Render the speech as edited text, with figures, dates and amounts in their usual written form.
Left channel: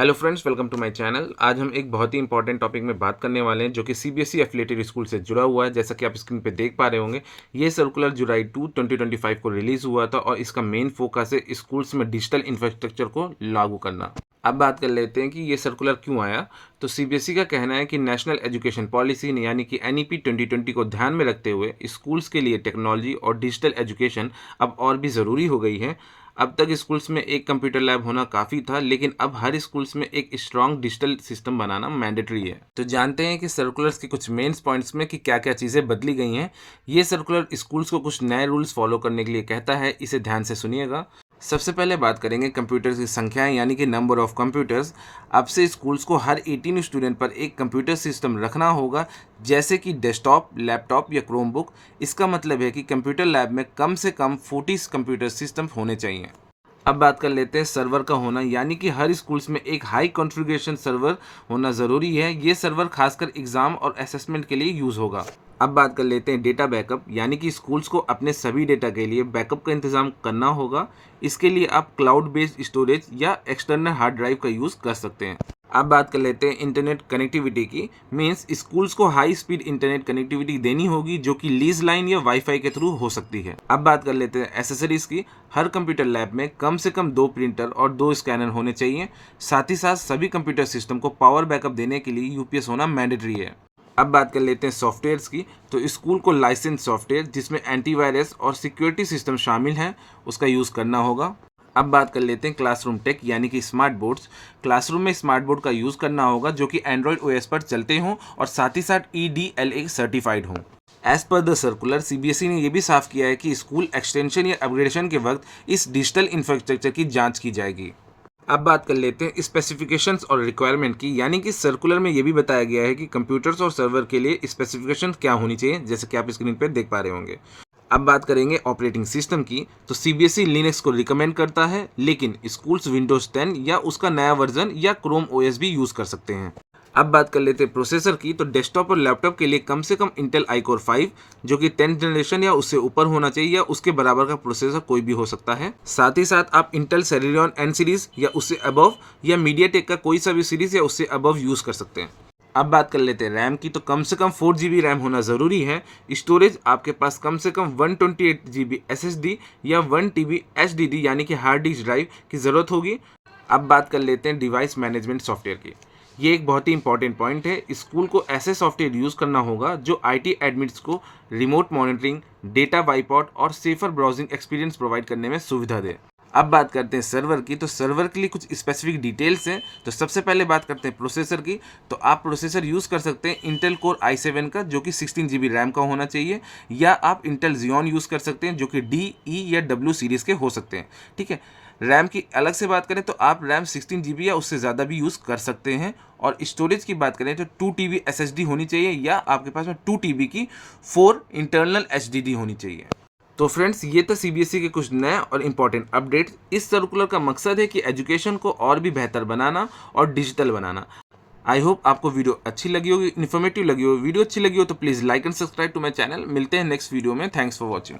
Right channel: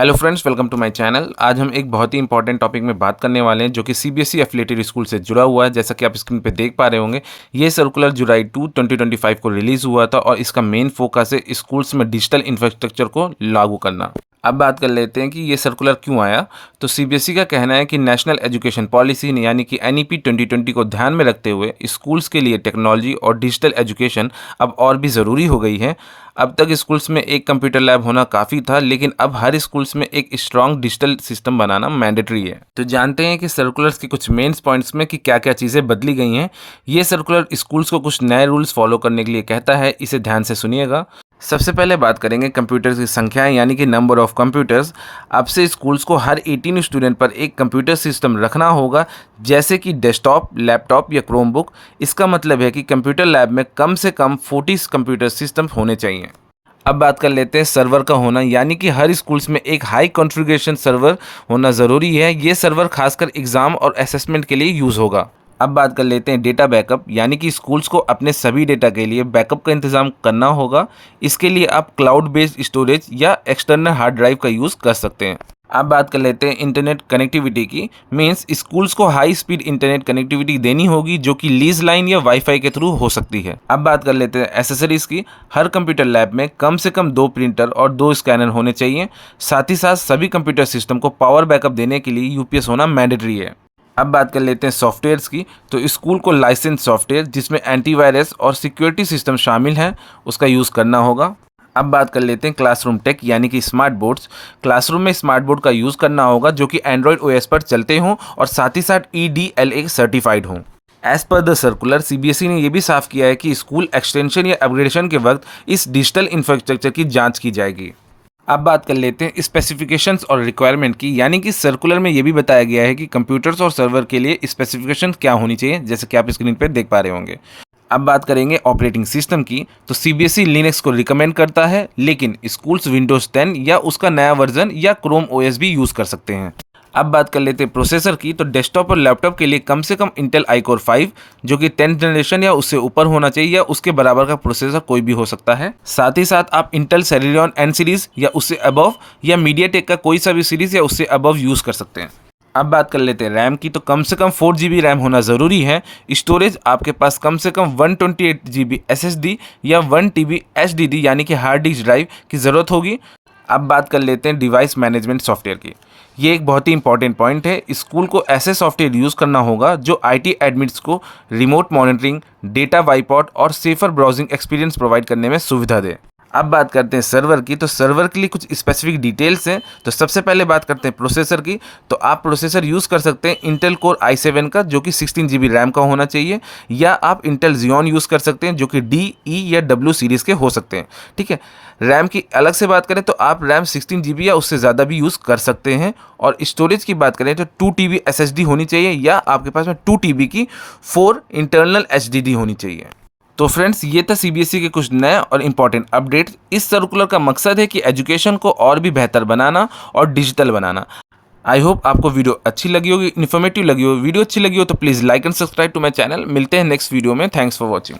Hello friends, welcome to my channel. आज हम एक बहुत ही इंपॉर्टेंट टॉपिक में बात करने वाले हैं जो कि सीबीएसई एफिलिएटेड स्कूल से जुड़ा हुआ है। जैसा कि आप स्क्रीन पे देख पा रहे होंगे, ये सर्कुलर जुलाई 2 2025 को रिलीज़ हुआ था और इसका मेन फोकस है स्कूल्स में डिजिटल इंफ्रास्ट्रक्चर को लागू करना। अब बात कर लेते हैं कि ये सर्कुलर क्यों आया। तो सीबीएसई का कहना है कि नेशनल एजुकेशन पॉलिसी यानी कि एनईपी 2020 को ध्यान में रखते हुए स्कूल्स के लिए टेक्नोलॉजी और डिजिटल एजुकेशन अब और भी ज़रूरी हो गई है। अब तक स्कूल्स में एक कंप्यूटर लैब होना काफ़ी था, लेकिन अब हर स्कूल्स में एक स्ट्रॉन्ग डिजिटल सिस्टम बनाना मैंडेटरी है। तो जानते हैं कि सर्कुलर्स के कुछ मेन पॉइंट्स में कि क्या क्या चीज़ें बदली गई हैं। ये सर्कुलर स्कूल्स को कुछ नए रूल्स फॉलो करने के लिए कहता है, इसे ध्यान से सुनिएगा। सबसे पहले बात करेंगे कंप्यूटर्स की संख्याएं यानी कि नंबर ऑफ कंप्यूटर्स। अब से स्कूल्स को हर 18 स्टूडेंट पर एक कंप्यूटर सिस्टम रखना होगा, जैसे कि डेस्कटॉप, लैपटॉप या क्रोमबुक। इसका मतलब है कि कंप्यूटर लैब में कम से कम 40 कंप्यूटर सिस्टम होने चाहिए। अब बात कर लेते हैं सर्वर का होना, यानी कि हर स्कूल्स में एक हाई कॉन्फ़िगरेशन सर्वर होना ज़रूरी है। ये सर्वर खासकर एग्ज़ाम और असेसमेंट के लिए यूज़ होगा। अब बात कर लेते हैं डेटा बैकअप, यानी कि स्कूल्स को अपने सभी डेटा के लिए बैकअप का इंतज़ाम करना होगा। इसके लिए आप क्लाउड बेस्ड स्टोरेज या एक्सटर्नल हार्ड ड्राइव का यूज़ कर सकते हैं। अब बात कर लेते हैं इंटरनेट कनेक्टिविटी की। मीन्स स्कूल्स को हाई स्पीड इंटरनेट कनेक्टिविटी देनी होगी, जो कि लीज लाइन या वाईफाई के थ्रू हो सकती है। अब बात कर लेते हैं एसेसरीज की। हर कंप्यूटर लैब में कम से कम 2 प्रिंटर और 2 स्कैनर होने चाहिए। साथ ही साथ सभी कंप्यूटर सिस्टम को पावर बैकअप देने के लिए यूपीएस होना मैंडेटरी है। अब बात कर लेते हैं सॉफ्टवेयर्स की। तो स्कूल को लाइसेंस सॉफ्टवेयर जिसमें एंटीवायरस और सिक्योरिटी सिस्टम शामिल है, उसका यूज़ करना होगा। अब बात कर लेते हैं क्लासरूम टेक, यानी कि स्मार्ट बोर्ड्स। क्लासरूम में स्मार्ट बोर्ड का यूज़ करना होगा जो कि एंड्रॉयड ओएस पर चलते हों और साथ ही साथ EDLA सर्टिफाइड हों। As per the circular, CBSE ने यह भी साफ किया है कि स्कूल एक्सटेंशन या अपग्रेडेशन के वक्त इस डिजिटल इंफ्रास्ट्रक्चर की जांच की जाएगी। अब बात कर लेते हैं स्पेसिफिकेशंस और रिक्वायरमेंट की, यानी कि सर्कुलर में ये भी बताया गया है कि कंप्यूटर्स और सर्वर के लिए स्पेसिफिकेशन क्या होनी चाहिए, जैसे कि आप स्क्रीन पर देख पा रहे होंगे। अब बात करेंगे ऑपरेटिंग सिस्टम की। तो सीबीएसई लिनक्स को रिकमेंड करता है, लेकिन स्कूल्स विंडोज 10 या उसका नया वर्जन या क्रोम ओएस भी यूज़ कर सकते हैं। अब बात कर लेते हैं प्रोसेसर की। तो डेस्कटॉप और लैपटॉप के लिए कम से कम इंटेल iCore 5 जो कि 10th जनरेशन या उससे ऊपर होना चाहिए, या उसके बराबर का प्रोसेसर कोई भी हो सकता है। साथ ही साथ आप इंटेल सेलेरियन N सीरीज़ या उससे अबव या मीडियाटेक का कोई सा भी सीरीज़ या उससे अबव यूज़ कर सकते हैं। अब बात कर लेते हैं रैम की। तो कम से कम 4 GB रैम होना ज़रूरी है। स्टोरेज आपके पास कम से कम 128 GB SSD या 1 TB HDD यानी कि हार्ड डिस्क ड्राइव की ज़रूरत होगी। अब बात कर लेते हैं डिवाइस मैनेजमेंट सॉफ्टवेयर की। ये एक बहुत ही इंपॉर्टेंट पॉइंट है। स्कूल को ऐसे सॉफ्टवेयर यूज़ करना होगा जो IT एडमिट्स को रिमोट मॉनिटरिंग, डेटा वाइपआउट और सेफर ब्राउजिंग एक्सपीरियंस प्रोवाइड करने में सुविधा दे। अब बात करते हैं सर्वर की। तो सर्वर के लिए कुछ स्पेसिफिक डिटेल्स हैं। तो सबसे पहले बात करते हैं प्रोसेसर की। तो आप प्रोसेसर यूज़ कर सकते हैं इंटेल कोर i7 का जो कि 16 GB रैम का होना चाहिए, या आप इंटेल Xeon यूज़ कर सकते हैं जो कि D, E या W सीरीज़ के हो सकते हैं। ठीक है। रैम की अलग से बात करें तो आप रैम 16 GB या उससे ज़्यादा भी यूज़ कर सकते हैं। और स्टोरेज की बात करें तो 2 TB SSD होनी चाहिए, या आपके पास में 2 TB की 4 इंटरनल HDD होनी चाहिए। तो फ्रेंड्स, ये था सीबीएसई के कुछ नए और इम्पॉर्टेंट अपडेट्स। इस सर्कुलर का मकसद है कि एजुकेशन को और भी बेहतर बनाना और डिजिटल बनाना। आई होप आपको वीडियो अच्छी लगी होगी, इन्फॉर्मेटिव लगी होगी। वीडियो अच्छी लगी हो तो please like and subscribe to my channel. मिलते हैं नेक्स्ट वीडियो में। Thanks for watching.